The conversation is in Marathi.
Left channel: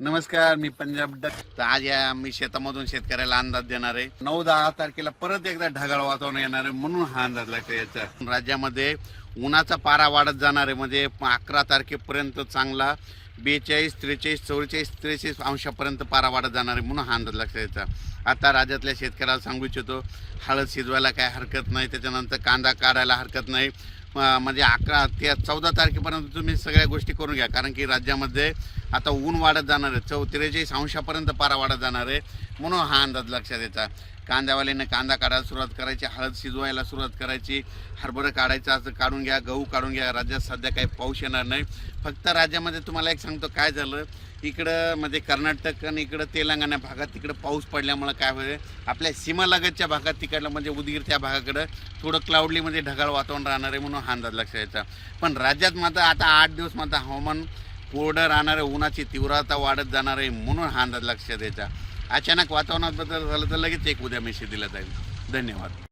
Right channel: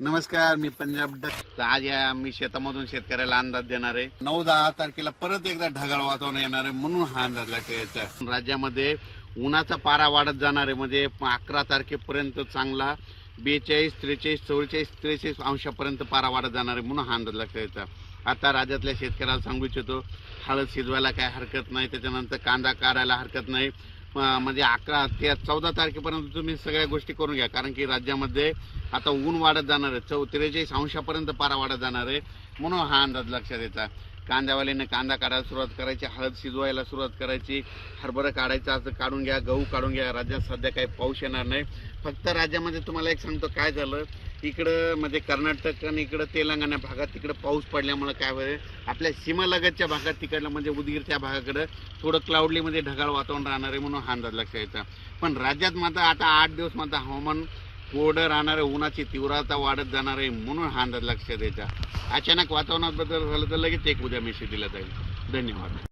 नमस्कार मी पंजाब दत्त. आज या मी शेतामधून शेतकऱ्याला अंदाज देणार आहे. नऊ दहा तारखेला परत एकदा ढगाळ वातावरण येणार आहे म्हणून हा अंदाज लागतो याचा. राज्यामध्ये उन्हाचा पारा वाढत जाणार आहे. म्हणजे अकरा तारखेपर्यंत चांगला बेचाळीस त्रेचाळीस चौवेचाळीस त्रेचाळीस अंशापर्यंत पारा वाढत जाणार आहे म्हणून हा अंदाज लक्षात यायचा आता राज्यातल्या शेतकऱ्याला सांगू इच्छितो हळद शिजवायला काय हरकत नाही. त्याच्यानंतर कांदा काढायला हरकत नाही. म्हणजे अकरा ते चौदा तारखेपर्यंत तुम्ही सगळ्या गोष्टी करून घ्या. कारण की राज्यामध्ये आता ऊन वाढत जाणार आहे. चौ त्रेचाळीस अंशापर्यंत पारा वाढत जाणार आहे. म्हणून हा अंदाज लक्षात येतात कांद्यावालीने कांदा काढायला सुरुवात करायची हळद शिजवायला सुरुवात करायची हरभरं काढायचं असं काढून घ्या गहू काढून घ्या. राज्यात सध्या काही पाऊस येणार नाही. फक्त राज्यामध्ये तुम्हाला एक सांगतो काय झालं? इकडं म्हणजे कर्नाटक आणि इकडं तेलंगणा भागात तिकडं पाऊस पडल्यामुळं काय होईल आपल्या सीमालगतच्या भागात तिकडलं म्हणजे उदगीर त्या भागाकडं थोडं क्लाउडली म्हणजे ढगाळ वातावरण राहणार आहे म्हणून हा अंदाज लक्षात यायचा. पण राज्यात मात्र आता आठ दिवस मात्र हवामान कोरडं राहणार आहे उन्हाची तीव्रता वाढत जाणार आहे म्हणून हा अंदाज लक्षात यायचा. अचानक वातावरणात बदल झालं तर लगेच एक उद्या मेसेज दिला जाईल. धन्यवाद.